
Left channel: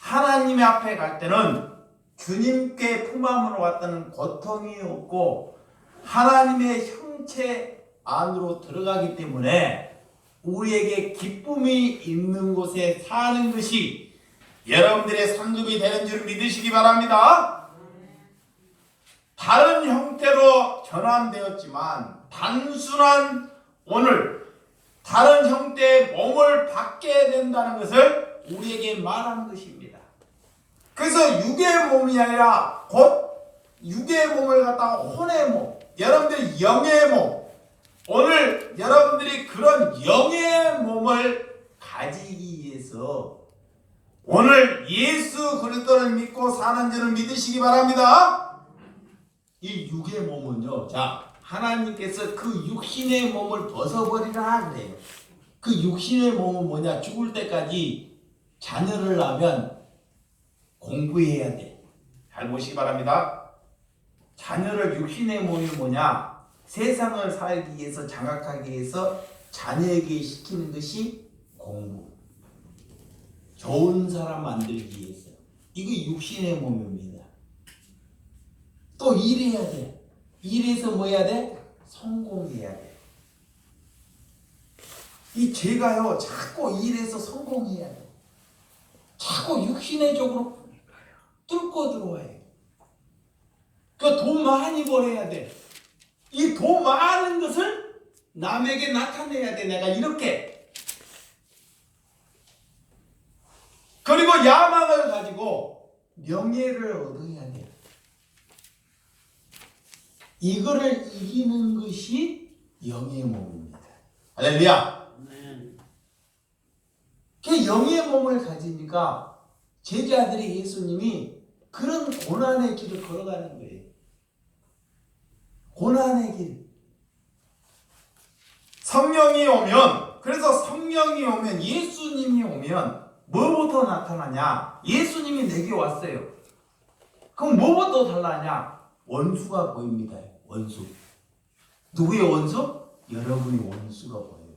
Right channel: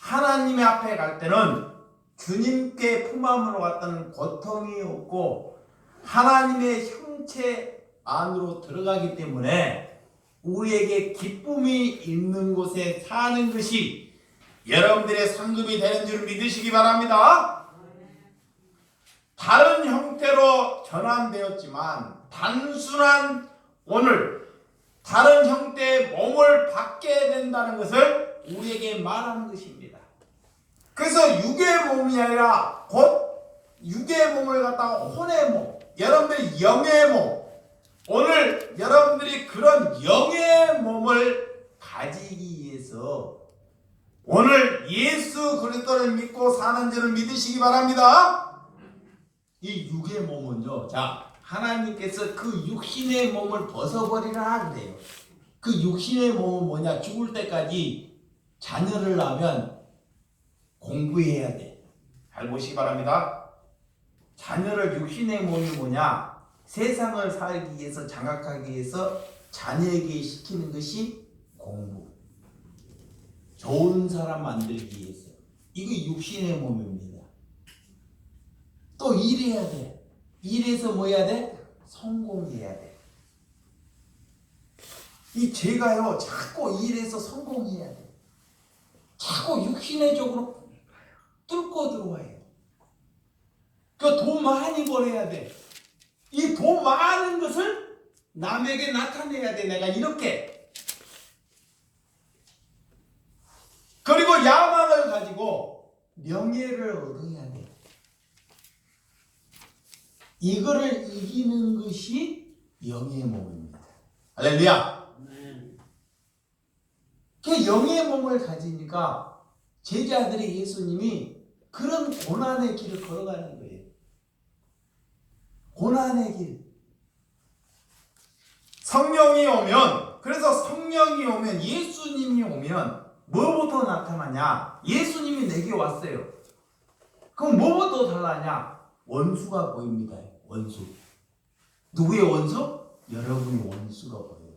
하나님의 앞에 갈 때는 주님께 품함으로 갔다는 고통이 없고 하나님의 형체 안으로 들어가기 때문에 우리에게 기쁨이 있는 곳에 사는 것이 여러분들의 상급이 되는 줄 믿으시기 바랍니다. 다른 형태로 전환되었지만 단순한 오늘 다른 형태의 몸을 받게 된다는 것을 우리에게 말하는 것입니다. 그래서 육의 몸이 아니라 곧 육의 몸을 갖다가 혼의 몸, 여러분들이 영의 몸, 오늘 여러분들이 그런 영의 몸을 가지기 위해서 오늘 예수 그리스도를 믿고 사는 줄을 믿으시기 바랍니다. 이 육의 몸은요, 하나님께서 그 육신의 몸을 벗어버리라 그래요. 그 육신의 몸은 뭐냐? 죽을 때까지 자녀를 낳으면 공부해야 돼. 잘 보시기 바랍니다. 자녀를 육신의 몸이 뭐냐? 세상을 살기 위해서 장악하기 위해서 자녀에게 시키는 것이 공부. 좋은 사람 만들기 위해서. 이게 육신의 몸입니다. 또 일해야 돼. 일해서 뭐 해야 돼? 성공해야 돼. 이 죄가요, 자꾸 일해서 성공해야 돼. 자꾸 육신의 쪽으로 뚫고 들어와요. 그 돈 많이 벌어야 돼. 이 돈 많은 것을 남에게 나타내야 돼. 내가 이렇게. 그리고 야망을 가지고 명예를 얻어야 돼. 이거를 이기는 것이 영의 몸입니다. 할렐루야. 그 영의 몸을 가지니까 제자들이 예수님이 그런 고난의 길을 걸어가는 거예요. 고난의 길. 성령이 오면, 그래서 성령이 오면, 예수님이 오면 뭐부터 나타나냐? 예수님이 내게 왔어요. 그럼 뭐부터 달라냐? 원수가 보입니다. 원수. 누구의 원수? 여러분이 원수가 보여요.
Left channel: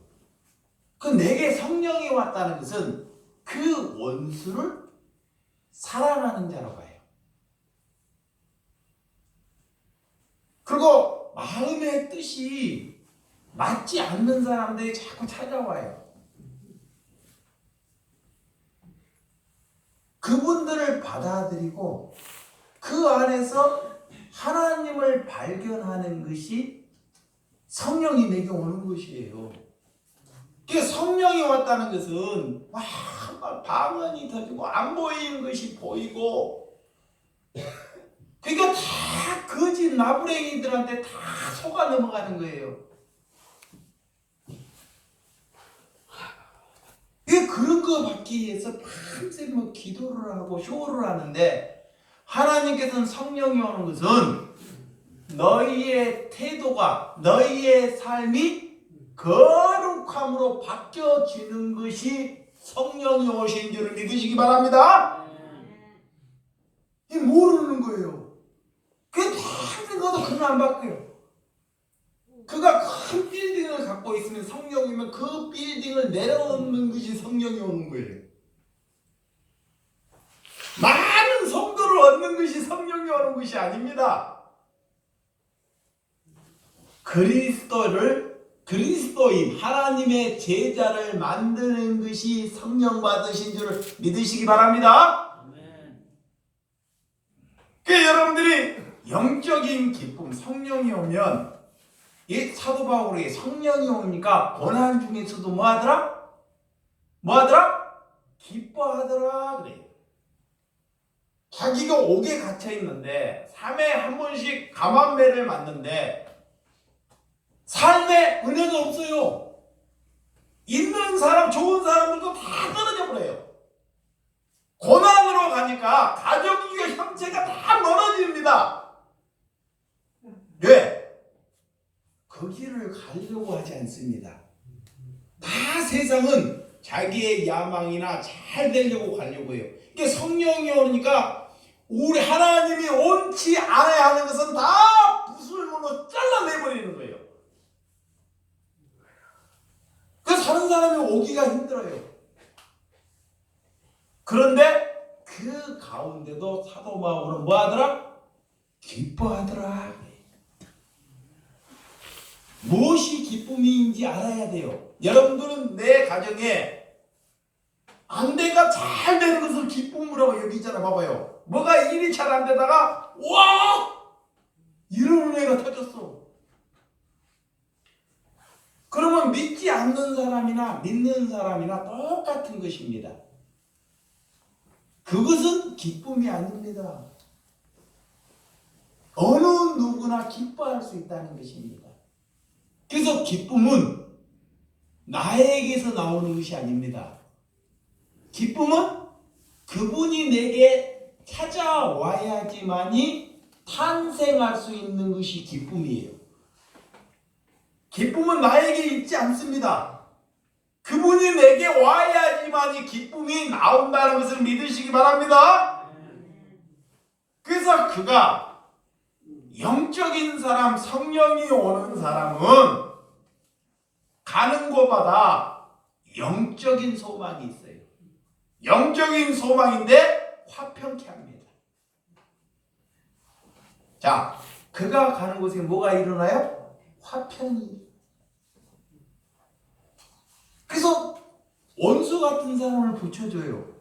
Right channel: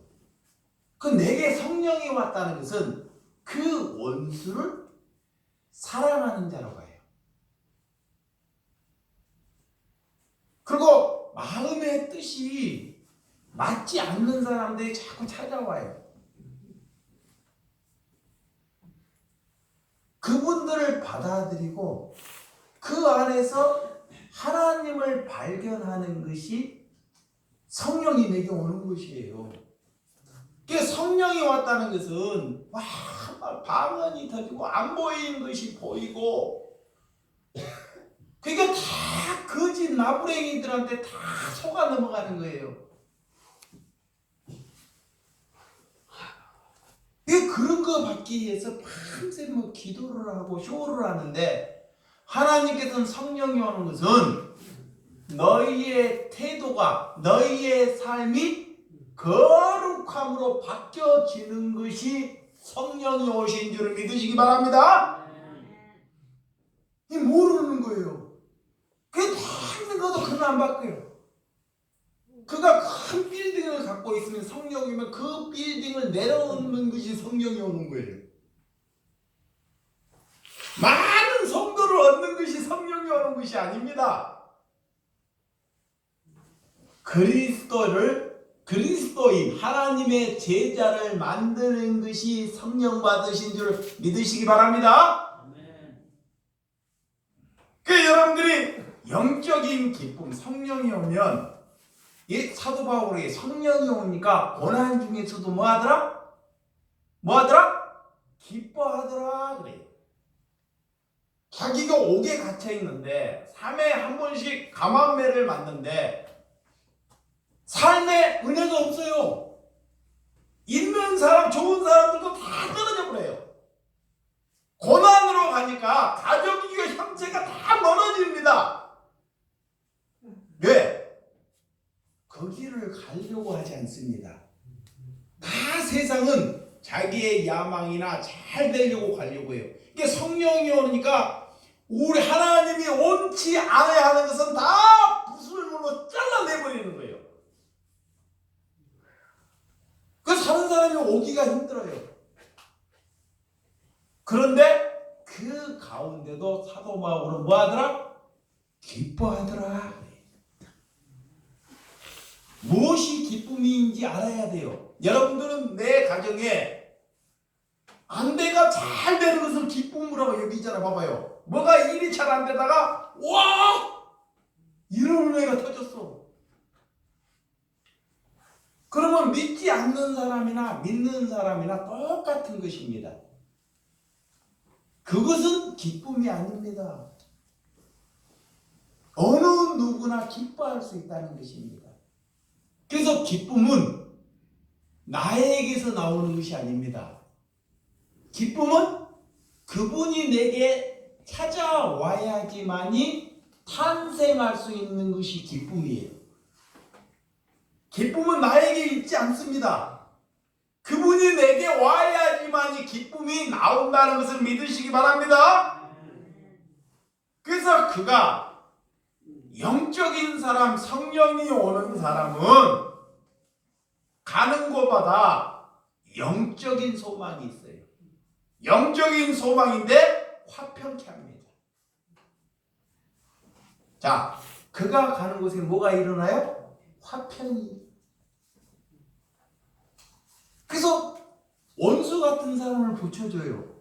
그 내게 성령이 왔다는 것은 그 원수를 사랑하는 자로 가요. 그리고 마음의 뜻이 맞지 않는 사람들이 자꾸 찾아와요. 그분들을 받아들이고 그 안에서 하나님을 발견하는 것이 성령이 내게 오는 것이에요. 그 성령이 왔다는 것은 막 방언이 터지고 안 보이는 것이 보이고, 그러니까 다 거짓 나부랭이들한테 다 속아 넘어가는 거예요. 그런 거 받기 위해서 밤새 기도를 하고 쇼를 하는데, 하나님께서는 성령이 오는 것은 너희의 태도가, 너희의 삶이 거룩함으로 바뀌어지는 것이 성령이 오신 줄을 믿으시기 바랍니다. 모르는 거예요. 그게 평생 가도 그는 안 바뀌어요. 그가 큰 빌딩을 갖고 있으면 성령이면 그 빌딩을 내려놓는 것이 성령이 오는 거예요. 많은 성도를 얻는 것이 성령이 오는 것이 아닙니다. 그리스도인 하나님의 제자를 만드는 것이 성령 받으신 줄 믿으시기 바랍니다. 그 여러분들이 영적인 기쁨, 성령이 오면, 이 사도 바울이 성령이 오니까 고난 중에서도 뭐하더라? 기뻐하더라 그래요. 자기가 옥에 갇혀 있는데 3회에 한 번씩 감암매를 맞는데 삶에 은혜가 없어요. 있는 사람, 좋은 사람들도 다 떨어져 버려요. 고난으로 가니까 가족이고 형체가 다 무너집니다. 왜? 거기를 가려고 하지 않습니다. 다 세상은 자기의 야망이나 잘 되려고 가려고 해요. 이게 성령이 오니까 우리 하나님이 원치 않아야 하는 것은 다 부술물로 잘라내버리는 거예요. 그 사는 사람이 오기가 힘들어요. 그런데 그 가운데도 사도 바울은 뭐하더라? 기뻐하더라. 무엇이 기쁨인지 알아야 돼요. 여러분들은 내 가정에 안대가 잘 되는 것을 기쁨으로 여기잖아요. 봐봐요. 뭐가 일이 잘 안 되다가 와! 이런 은혜가 터졌어. 그러면 믿지 않는 사람이나 믿는 사람이나 똑같은 것입니다. 그것은 기쁨이 아닙니다. 어느 누구나 기뻐할 수 있다는 것입니다. 그래서 기쁨은 나에게서 나오는 것이 아닙니다. 기쁨은 그분이 내게 찾아와야지만이 탄생할 수 있는 것이 기쁨이에요. 기쁨은 나에게 있지 않습니다. 그분이 내게 와야지만이 기쁨이 나온다는 것을 믿으시기 바랍니다. 그래서 그가 영적인 사람, 성령이 오는 사람은 가는 곳마다 영적인 소망이 있어요. 영적인 소망인데 화평케 합니다. 자, 그가 가는 곳에 뭐가 일어나요? 화평이. 그래서 원수 같은 사람을 붙여줘요.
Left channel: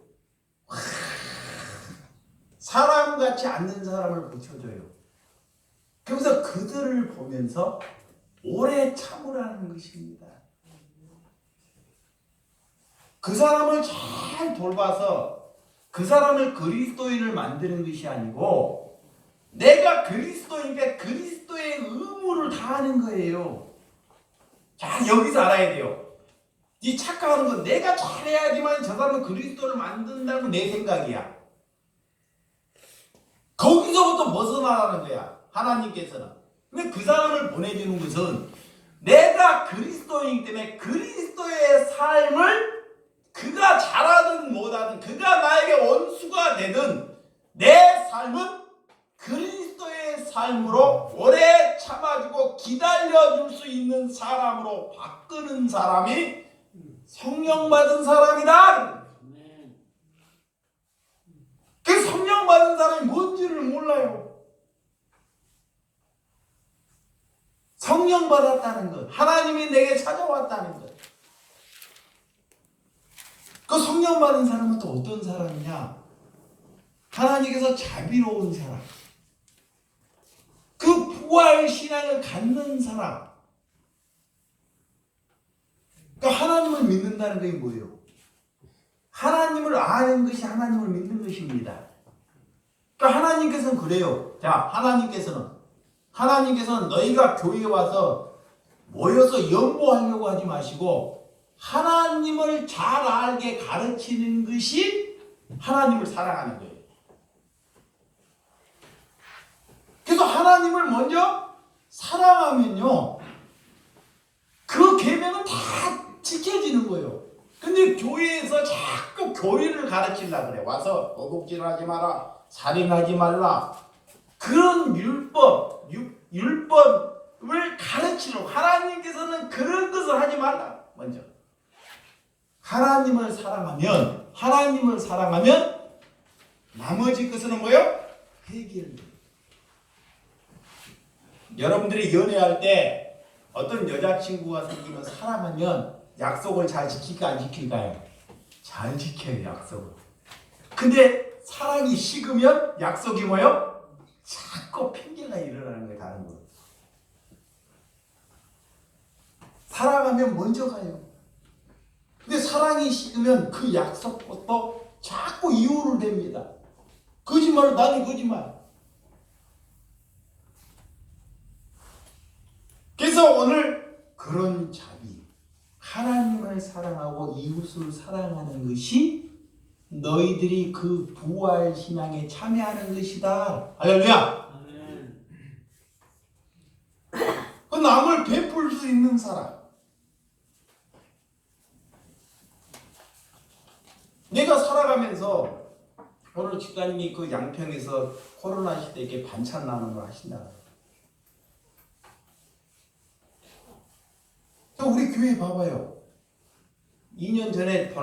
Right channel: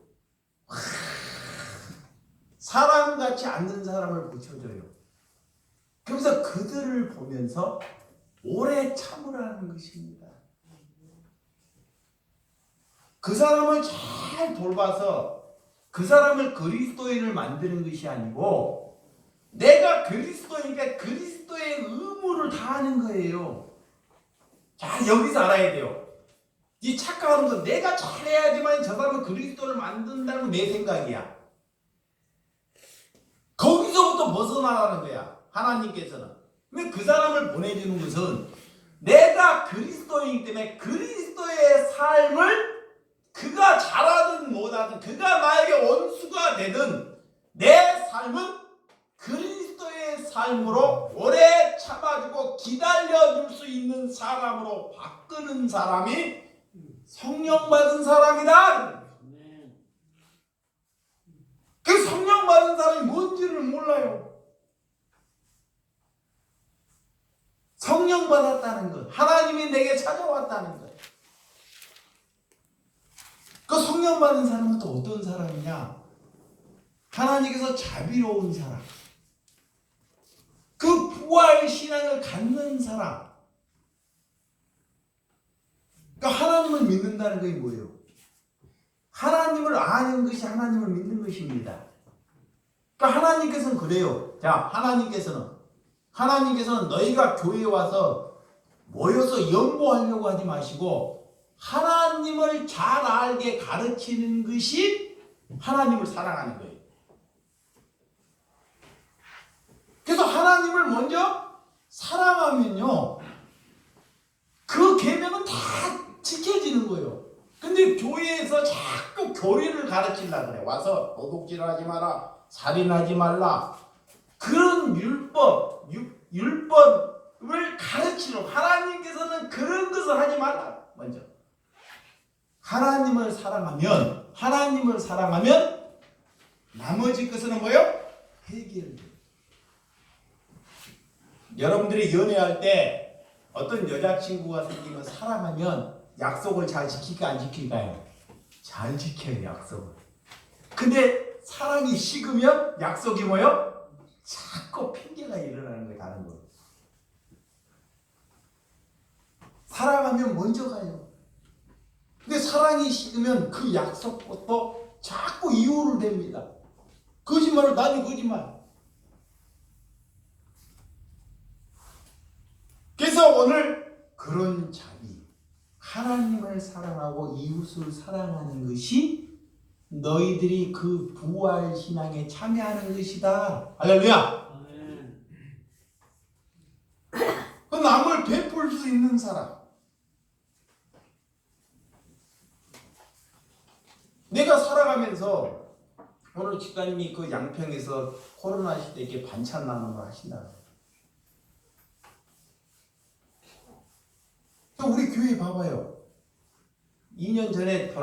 사람같이 않는 사람을 붙여줘요. 그래서 그들을 보면서 오래 참으라는 것입니다. 그 사람을 잘 돌봐서 그 사람을 그리스도인을 만드는 것이 아니고 내가 그리스도인께 그리스도의 의무를 다하는 거예요. 자, 여기서 알아야 돼요. 이 착각하는 건 내가 잘해야지만 저 사람은 그리스도를 만든다는 내 생각이야. 거기서부터 벗어나라는 거야. 하나님께서는. 근데 그 사람을 보내주는 것은 내가 그리스도이기 때문에 그리스도의 삶을 그가 잘하든 못하든 그가 나에게 원수가 되든 내 삶은 그리스도의 삶으로 오래 참아주고 기다려줄 수 있는 사람으로 바꾸는 사람이 성령 받은 사람이다. 그 성령 받은 사람이 뭔지를 몰라요. 성령 받았다는 것, 하나님이 내게 찾아왔다는 것. 그 성령 받은 사람은 또 어떤 사람이냐? 하나님께서 자비로운 사람, 그 부활 신앙을 갖는 사람. 그러니까 하나님을 믿는다는 것이 뭐예요? 하나님을 아는 것이 하나님을 믿는 것입니다. 그러니까 하나님께서는 그래요. 자, 하나님께서는 너희가 교회에 와서 모여서 연구하려고 하지 마시고 하나님을 잘 알게 가르치는 것이 하나님을 사랑하는 거예요. 그래서 하나님을 먼저 사랑하면요, 그 계명은 다 지켜지는 거예요. 근데 교회에서 자꾸 교리를 가르치려고 그래. 와서 도둑질하지 마라, 살인하지 말라, 그런 율법을 가르치려고. 하나님께서는 그런 것을 하지 말라. 먼저 하나님을 사랑하면 나머지 것은 뭐예요? 해결돼요. 여러분들이 연애할 때 어떤 여자친구가 생기면 사랑하면 약속을 잘 지킬까 안 지킬까요? 잘 지켜요, 약속을. 근데 사랑이 식으면 약속이 뭐예요? 자꾸 핑계가 일어나는 거예요, 다른 거. 사랑하면 먼저 가요. 근데 사랑이 식으면 그 약속부터 자꾸 이유를 댑니다. 거짓말을, 나는 거짓말. 그래서 오늘 그런 자비, 하나님을 사랑하고 이웃을 사랑하는 것이 너희들이 그 부활 신앙에 참여하는 것이다. 할렐루야. 그 남을 베풀 수 있는 사람. 내가 살아가면서 오늘 집사님이 그 양평에서 코로나 시대에 이렇게 반찬 나누는 걸 하신다. 우리 교회 봐봐요. 2년 전에